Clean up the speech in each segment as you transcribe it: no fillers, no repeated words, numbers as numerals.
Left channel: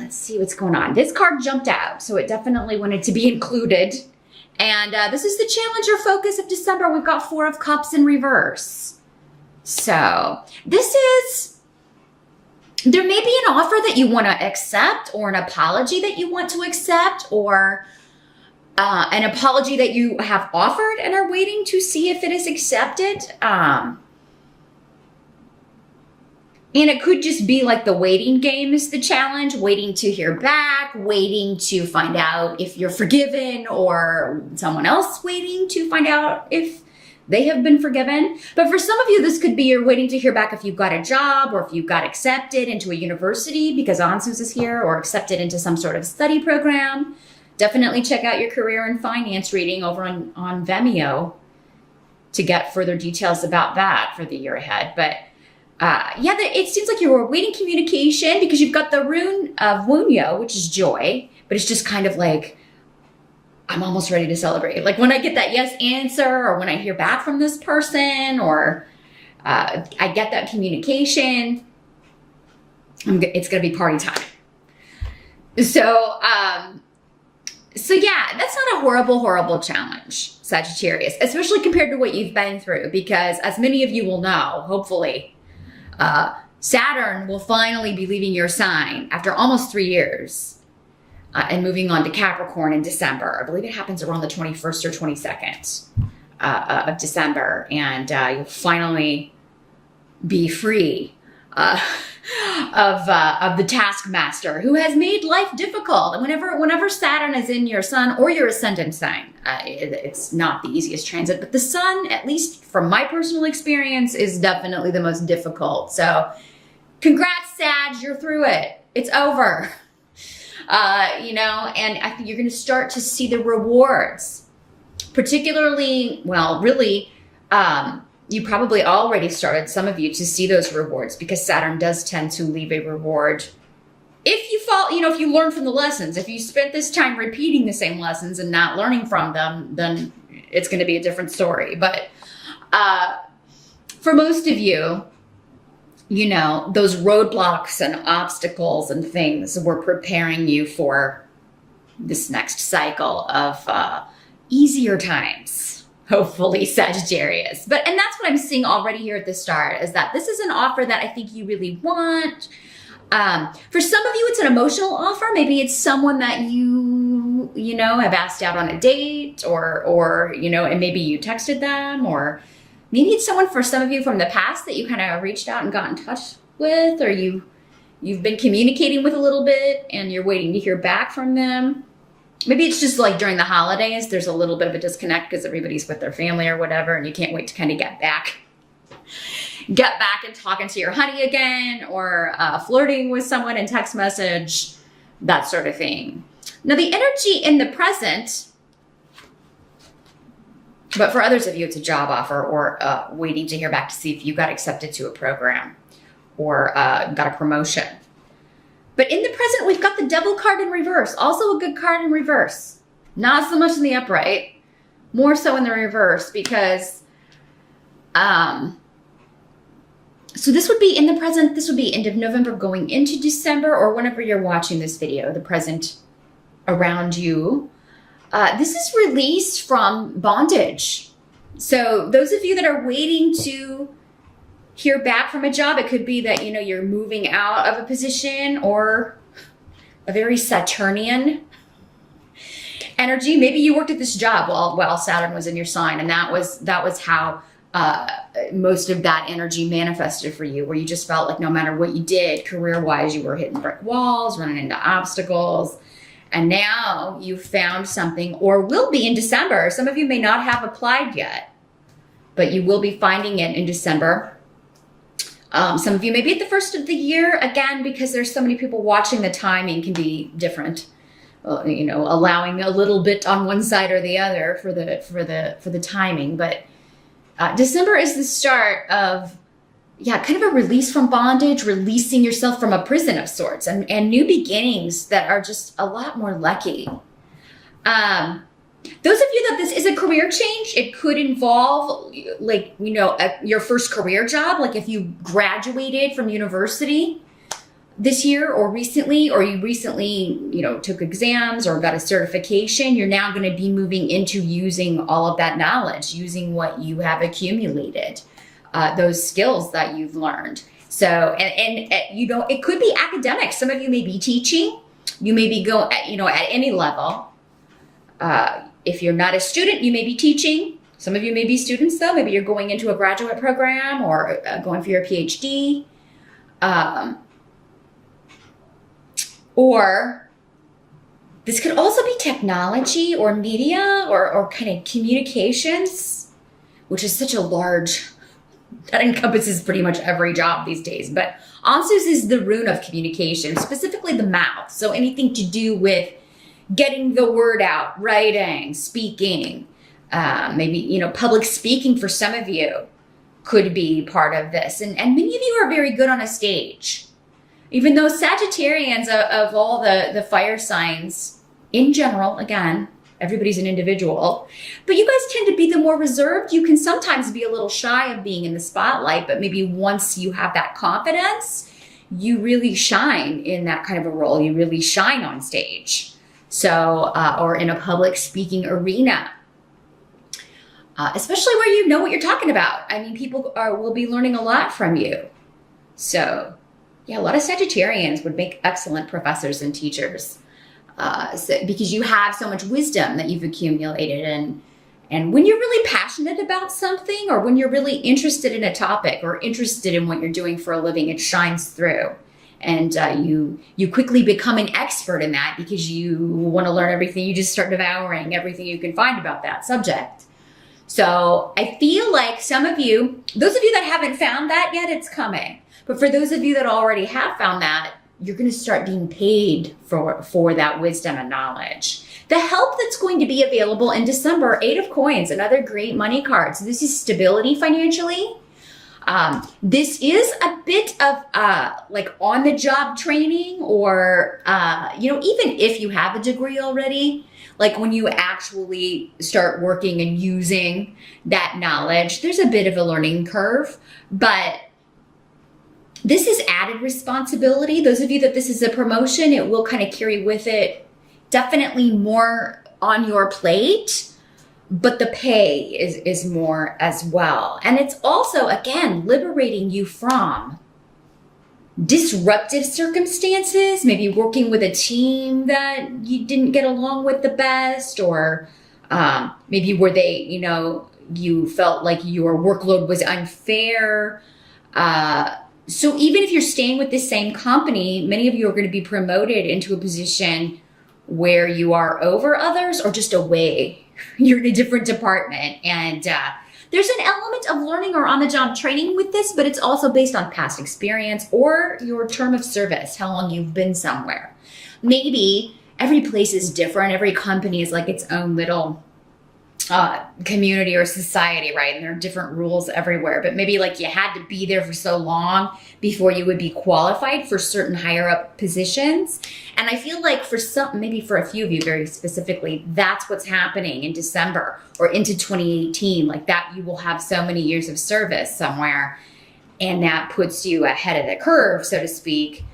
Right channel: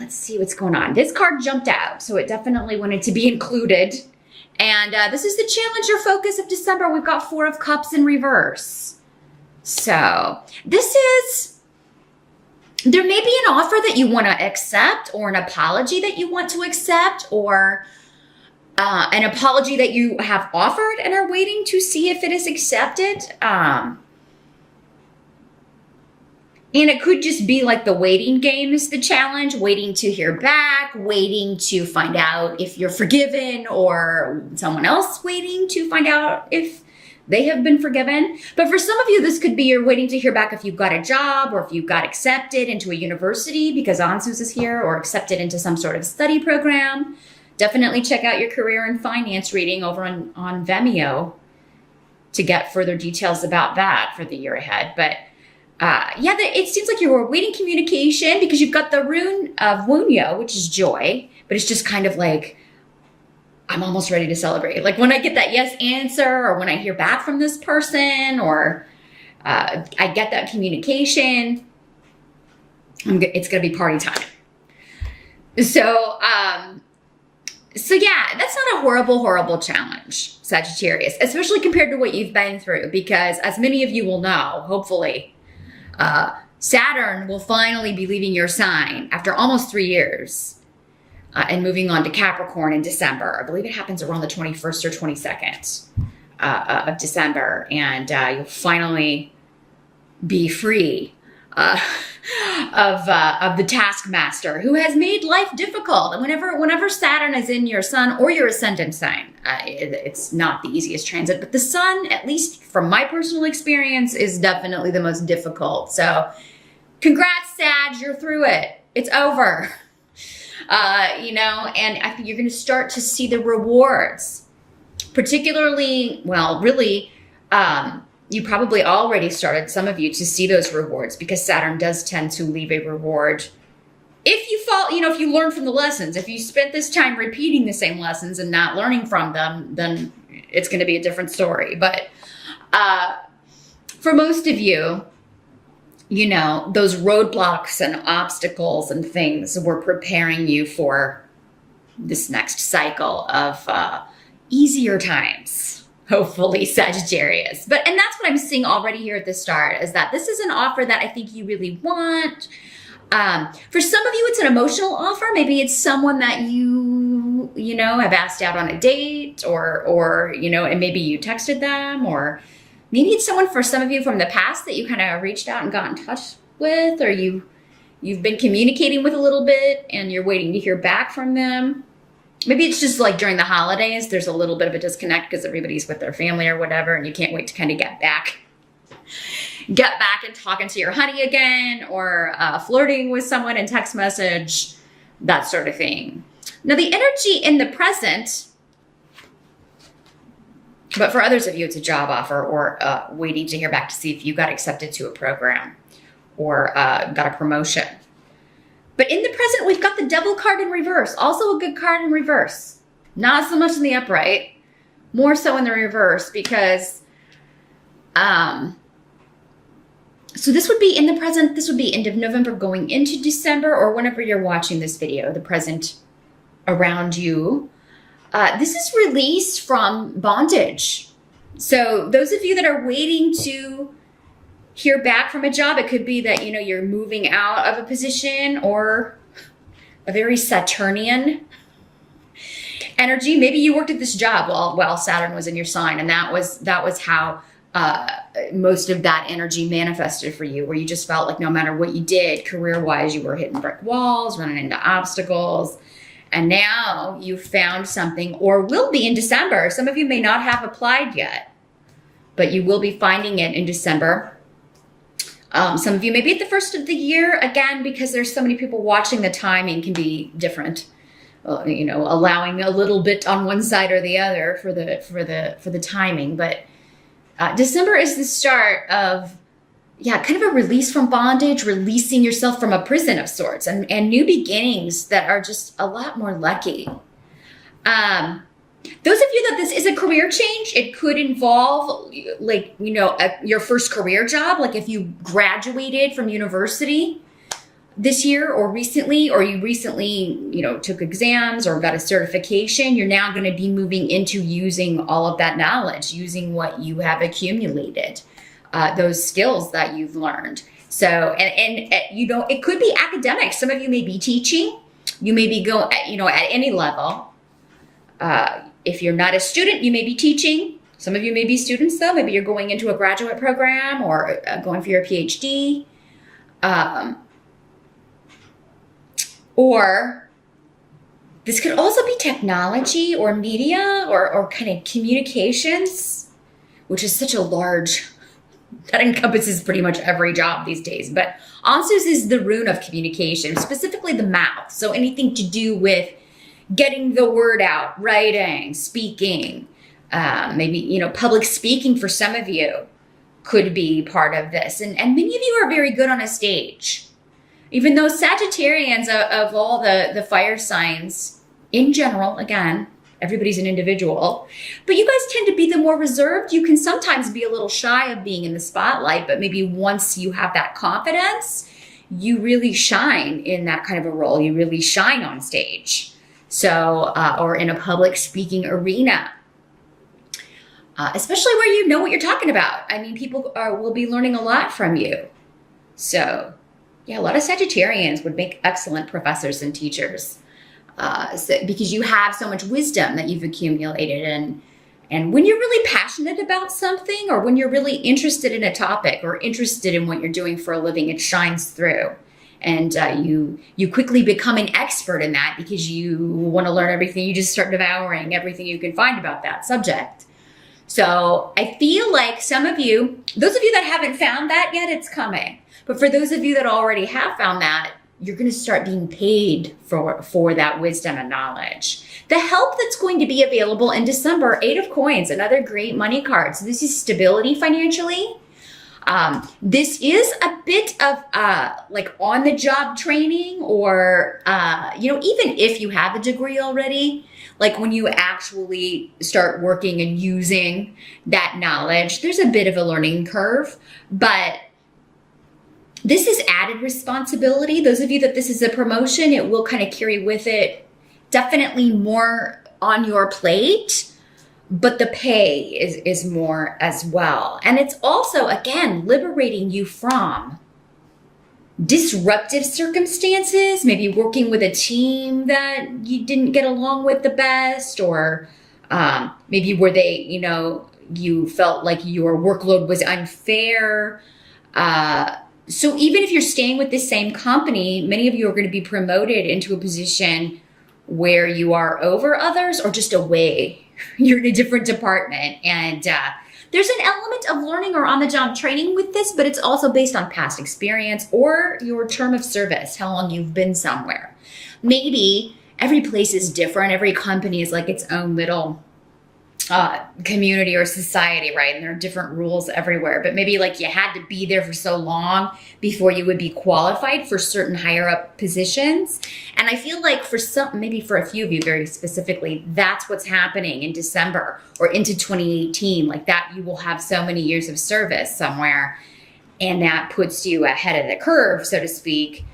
let's see what's going on. This card jumped out, so it definitely wanted to be included. And this is the challenge or focus of December. We've got 4 of Cups in reverse. So this is, there may be an offer that you want to accept, or an apology that you want to accept, or an apology that you have offered and are waiting to see if it is accepted. And it could just be like the waiting game is the challenge, waiting to hear back, waiting to find out if you're forgiven, or someone else waiting to find out if they have been forgiven. But for some of you, this could be you're waiting to hear back if you've got a job, or if you got accepted into a university because Ansus is here, or accepted into some sort of study program. Definitely check out your career and finance reading over on Vimeo to get further details about that for the year ahead. But yeah, it seems like you're awaiting communication because you've got the rune of Wunyo, which is joy, but it's just kind of like, I'm almost ready to celebrate. Like when I get that yes answer, or when I hear back from this person, or I get that communication, it's going to be party time. So yeah, that's not a horrible challenge, Sagittarius, especially compared to what you've been through, because as many of you will know, hopefully, Saturn will finally be leaving your sign after almost 3 years and moving on to Capricorn in December. I believe it happens around the 21st or 22nd of December, and you'll finally be free of the taskmaster who has made life difficult. And whenever Saturn is in your sun or your ascendant sign, it's not the easiest transit, but the sun, at least from my personal experience, is definitely the most difficult. So congrats, Sag, you're through it. It's over. You know, and I think you're going to start to see the rewards, particularly, well, really, you probably already started, some of you, to see those rewards, because Saturn does tend to leave a reward. If you fall, you know, if you learn from the lessons, if you spent this time repeating the same lessons and not learning from them, then it's going to be a different story. But for most of you, you know, those roadblocks and obstacles and things were preparing you for this next cycle of easier times, hopefully, Sagittarius. And that's what I'm seeing already here at the start, is that this is an offer that I think you really want. For some of you, it's an emotional offer. Maybe it's someone that you know, have asked out on a date, or, you know, and maybe you texted them, or maybe it's someone, for some of you, from the past that you kind of reached out and got in touch with, or you've been communicating with a little bit and you're waiting to hear back from them. Maybe it's just like during the holidays, there's a little bit of a disconnect because everybody's with their family or whatever, and you can't wait to kind of get back and talking to your honey again, or flirting with someone in text message, that sort of thing. Now, the energy in the present, but for others of you, it's a job offer, or waiting to hear back to see if you got accepted to a program, or got a promotion. But in the present, we've got the Devil card in reverse. Also a good card in reverse. Not so much in the upright. More so in the reverse, because so this would be in the present. This would be end of November going into December, or whenever you're watching this video, the present around you. This is release from bondage. So those of you that are waiting to hear back from a job, it could be that, you know, you're moving out of a position, or a very Saturnian energy. Maybe you worked at this job while Saturn was in your sign, and that was how most of that energy manifested for you, where you just felt like no matter what you did career-wise, you were hitting brick walls, running into obstacles. And now you found something, or will be in December. Some of you may not have applied yet, but you will be finding it in December. Some of you may be at the first of the year, again, because there's so many people watching, the timing can be different. You know, allowing a little bit on one side or the other for the timing. But December is the start of, yeah, kind of a release from bondage, releasing yourself from a prison of sorts, and new beginnings that are just a lot more lucky. Those of you that this is a career change, it could involve, like, you know, your first career job. Like if you graduated from university, this year or recently, or you recently, took exams or got a certification, you're now going to be moving into using all of that knowledge, using what you have accumulated, those skills that you've learned. So, and it could be academic. Some of you may be teaching. You may be going, at any level. If you're not a student, you may be teaching. Some of you may be students, though. Maybe you're going into a graduate program or going for your PhD. Or this could also be technology or media or kind of communications, which is such a large, that encompasses pretty much every job these days. But Ansus is the rune of communication, specifically the mouth. So anything to do with getting the word out, writing, speaking, maybe, public speaking for some of you could be part of this. And many of you are very good on a stage. Even though Sagittarians of all the fire signs in general, again, everybody's an individual, but you guys tend to be the more reserved. You can sometimes be a little shy of being in the spotlight, but maybe once you have that confidence, you really shine in that kind of a role. You really shine on stage. So, or in a public speaking arena, especially where you know what you're talking about. I mean, people will be learning a lot from you. So, yeah, a lot of Sagittarians would make excellent professors and teachers because you have so much wisdom that you've accumulated. And when you're really passionate about something, or when you're really interested in a topic or interested in what you're doing for a living, it shines through. And you quickly become an expert in that because you want to learn everything. You just start devouring everything you can find about that subject. So I feel like some of you, those of you that haven't found that yet, it's coming. But for those of you that already have found that, you're going to start being paid for that wisdom and knowledge. The help that's going to be available in December, 8 of Coins, another great money card. So this is stability financially. This is a bit of like on-the-job training, or even if you have a degree already, like when you actually start working and using that knowledge, there's a bit of a learning curve, but this is added responsibility. Those of you that this is a promotion, it will kind of carry with it definitely more on your plate, but the pay is more as well. And it's also, again, liberating you from disruptive circumstances, maybe working with a team that you didn't get along with the best, or maybe where you felt like your workload was unfair. So even if you're staying with the same company, many of you are going to be promoted into a position where you are over others or just away. You're in a different department. And there's an element of learning or on-the-job training with this, but it's also based on past experience or your term of service, how long you've been somewhere. Maybe every place is different. Every company is like its own little community or society, right? And there are different rules everywhere, but maybe like you had to be there for so long before you would be qualified for certain higher up positions. And I feel like maybe for a few of you very specifically, that's what's happening in December or into 2018, like that you will have so many years of service somewhere, and that puts you ahead of the curve, so to speak,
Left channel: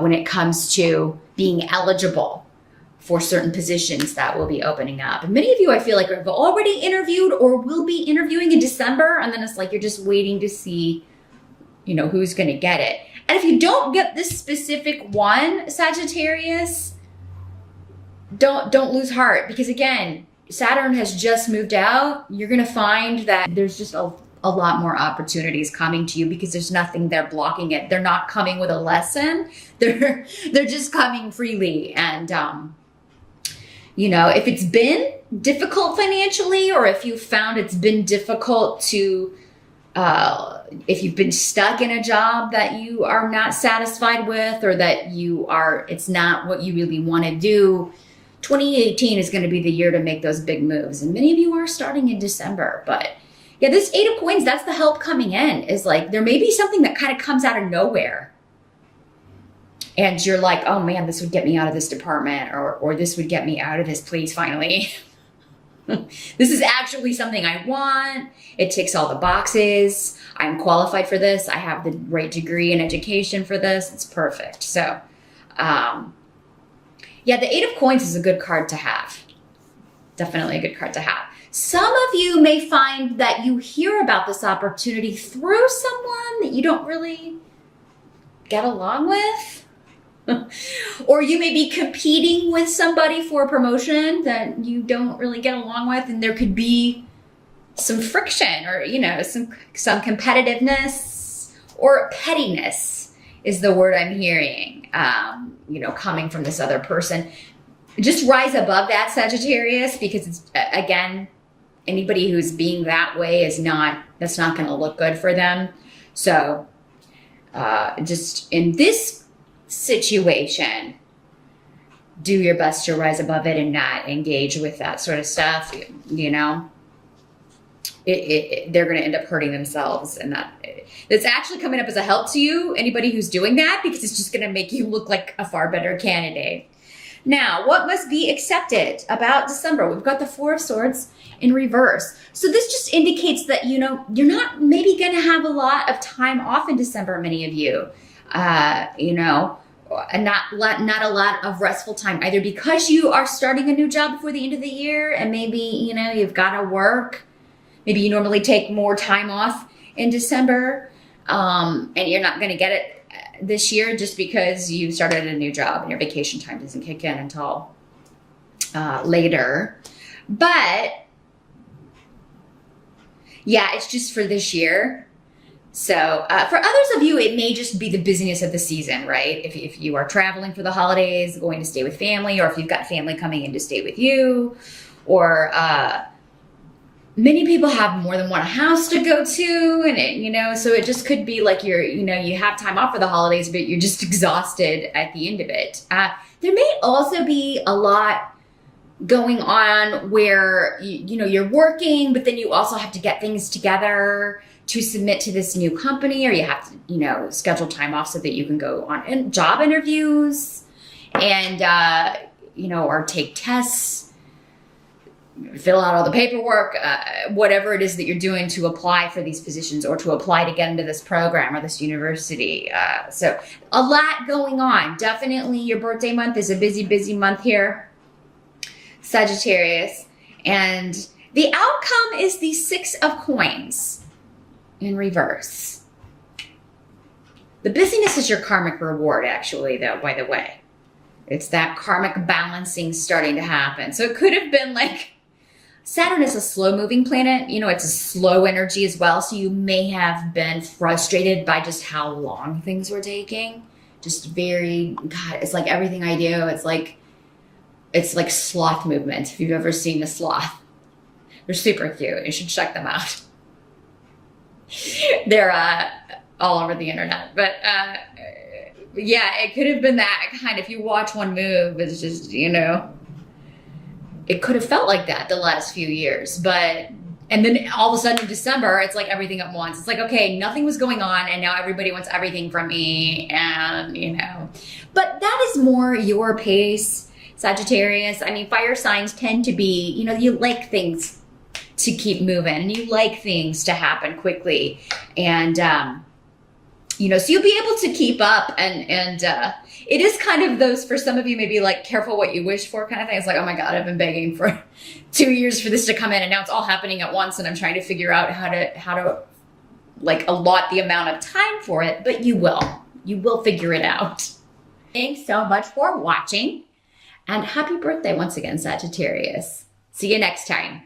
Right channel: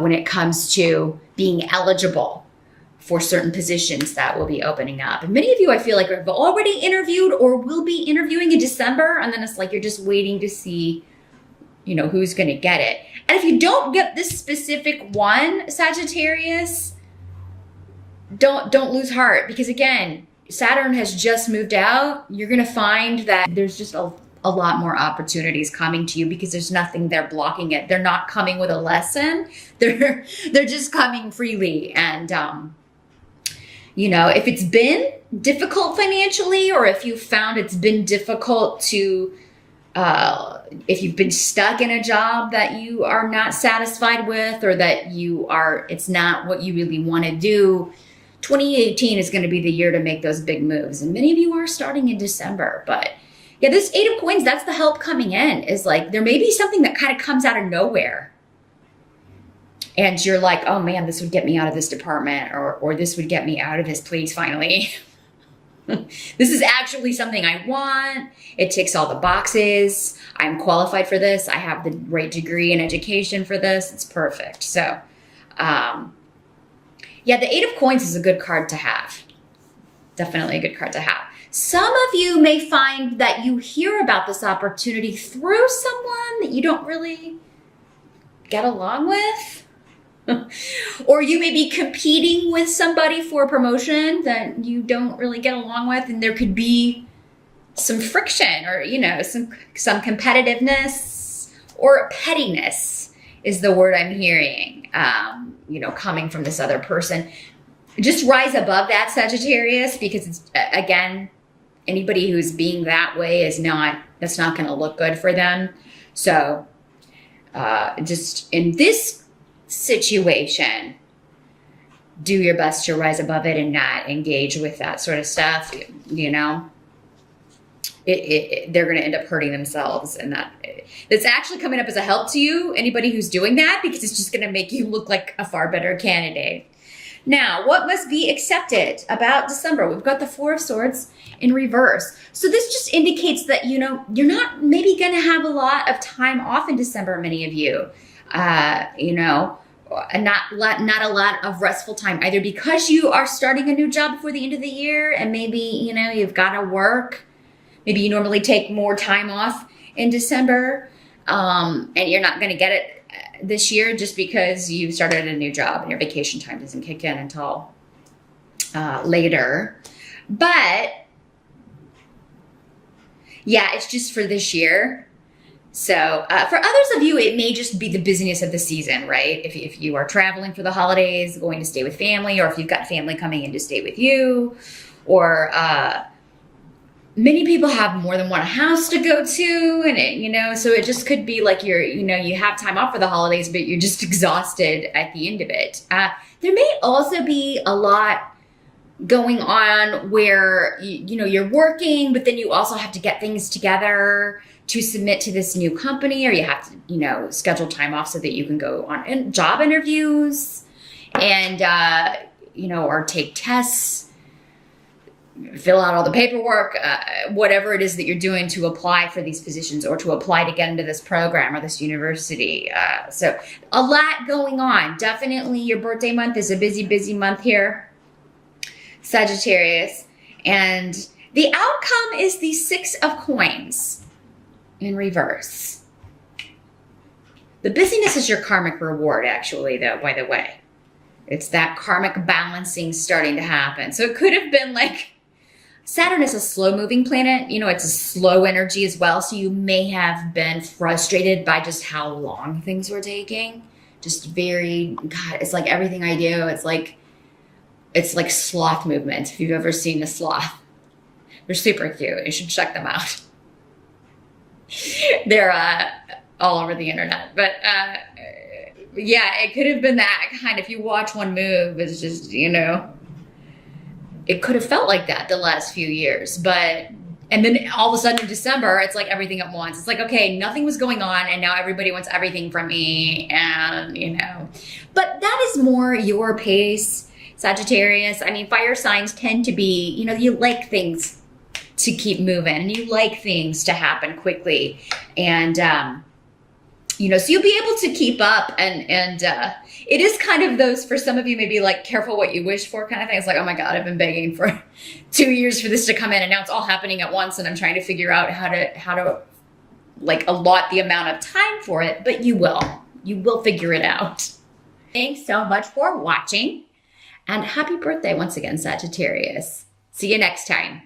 when it comes to being eligible for certain positions that will be opening up. And many of you, I feel like, have already interviewed or will be interviewing in December. And then it's like, you're just waiting to see, who's going to get it. And if you don't get this specific one, Sagittarius, don't lose heart. Because again, Saturn has just moved out. You're going to find that there's just a lot more opportunities coming to you because there's nothing there blocking it. They're not coming with a lesson. They're just coming freely. And, if it's been difficult financially, or if you found it's been difficult to, if you've been stuck in a job that you are not satisfied with, or that it's not what you really want to do, 2018 is going to be the year to make those big moves. And many of you are starting in December, but yeah, this 8 of Coins, that's the help coming in. Is like, there may be something that kind of comes out of nowhere. And you're like, oh man, this would get me out of this department, or this would get me out of this place finally. This is actually something I want. It ticks all the boxes. I'm qualified for this. I have the right degree and education for this. It's perfect. So, yeah, the Eight of Coins is a good card to have. Definitely a good card to have. Some of you may find that you hear about this opportunity through someone that you don't really get along with. Or you may be competing with somebody for a promotion that you don't really get along with, and there could be some friction or, some competitiveness or pettiness is the word I'm hearing, coming from this other person. Just rise above that, Sagittarius, because it's, again, anybody who's being that way that's not going to look good for them. So just in this situation, do your best to rise above it and not engage with that sort of stuff. They're going to end up hurting themselves, and that's actually coming up as a help to you, anybody who's doing that, because it's just going to make you look like a far better candidate. Now, what must be accepted about December? We've got the Four of Swords in reverse. So this just indicates that, you're not maybe going to have a lot of time off in December, many of you, and not a lot of restful time, either because you are starting a new job before the end of the year, and maybe, you've got to work. Maybe you normally take more time off in December, and you're not going to get it this year just because you started a new job and your vacation time doesn't kick in until later. But yeah, it's just for this year. So for others of you, it may just be the busyness of the season, right? If you are traveling for the holidays, going to stay with family, or if you've got family coming in to stay with you, or many people have more than one house to go to, and so it just could be like you have time off for the holidays, but you're just exhausted at the end of it. There may also be a lot going on where you're working, but then you also have to get things together to submit to this new company, or you have to schedule time off so that you can go on job interviews and or take tests, fill out all the paperwork, whatever it is that you're doing to apply for these positions or to apply to get into this program or this university. So a lot going on. Definitely your birthday month is a busy, busy month here, Sagittarius. And the outcome is the Six of Coins in reverse. The busyness is your karmic reward, actually, though, by the way. It's that karmic balancing starting to happen. So it could have been like, Saturn is a slow-moving planet. It's a slow energy as well. So you may have been frustrated by just how long things were taking. Just it's like everything I do. It's like sloth movement. If you've ever seen a sloth, they're super cute. You should check them out. They're all over the internet. But yeah, it could have been that kind. If you watch one move, it's just, it could have felt like that the last few years. And then all of a sudden in December, it's like everything at once. It's like, okay, nothing was going on, and now everybody wants everything from me. And, but that is more your pace, Sagittarius. I mean, fire signs tend to be, you like things to keep moving, and you like things to happen quickly. And, so you'll be able to keep up, and it is kind of those, for some of you, maybe like careful what you wish for kind of thing. It's like, oh my God, I've been begging for 2 years for this to come in, and now it's all happening at once, and I'm trying to figure out how to like allot the amount of time for it, but you will figure it out. Thanks so much for watching, and happy birthday once again, Sagittarius. See you next time.